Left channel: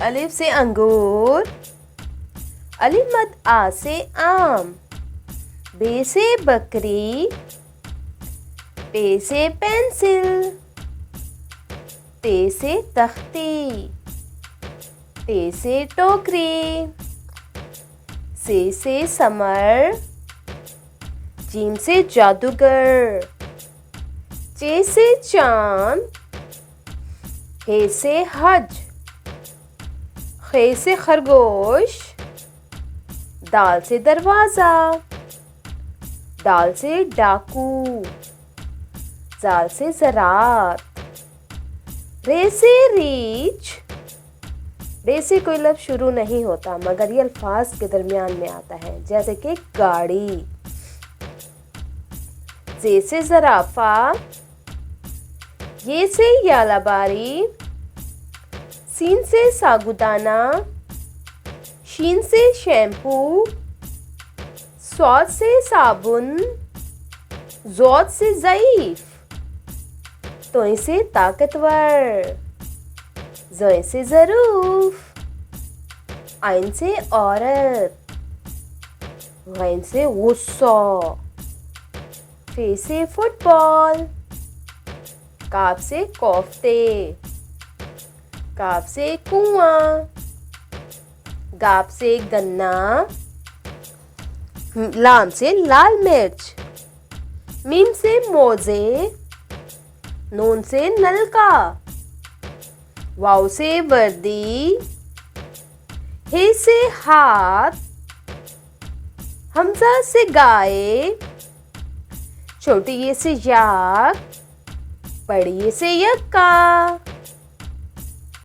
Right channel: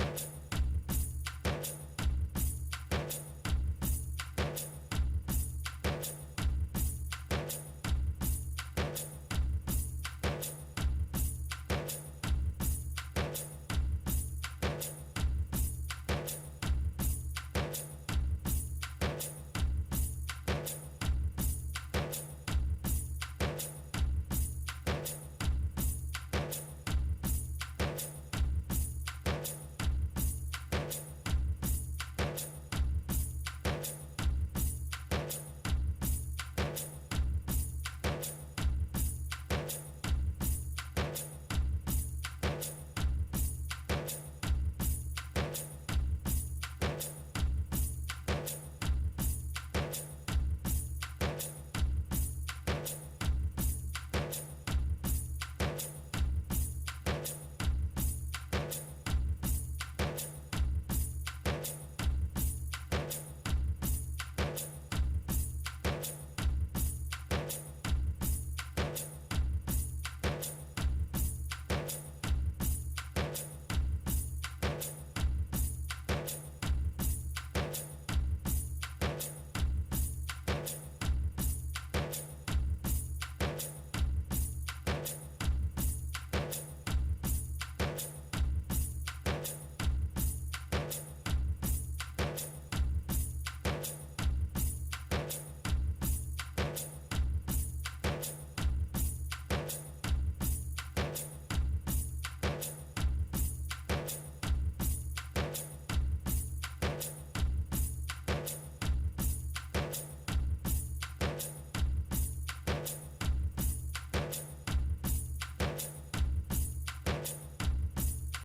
अलिफ से अंगूर, अलिफ मद आ से आम, बे से बकरी, पे से पेंसिल, ते से तख्ती, टे से टोकरी, से समर, जीम से जादूगर, चे से चांद, हे से हज, खे से खरगोश, दाल से दरवाज़ा, दाल से डाकू, जाल से ज़रात, रे से रीछ, रे से कोई लफ्ज़ शुरू नहीं होता मगर ये अल्फाज के दरमियान में आता है, जैसे कि गाड़ी। जे से ज़राफ़ा, ये से यालाबारी, सीन से सागुदाना, शीन से शैम्पू, स्वाद से साबुन, ज़ौद से ज़ईफ़, तोय से ताकतवर, ज़ोय से ज़रूफ, आइन से औरत, गैन से गुस्सा, फे से फुटबॉल, काफ से कोफ्ते, काफ से कुआं, गाप से गन्ना, लाम से लाल मिर्च, मीम से मोजे, नून से नलका, वाव से वर्दी, हे से हाथ, हमजा से गाय, छोटी ये से याक, बड़ी ये से यक्का।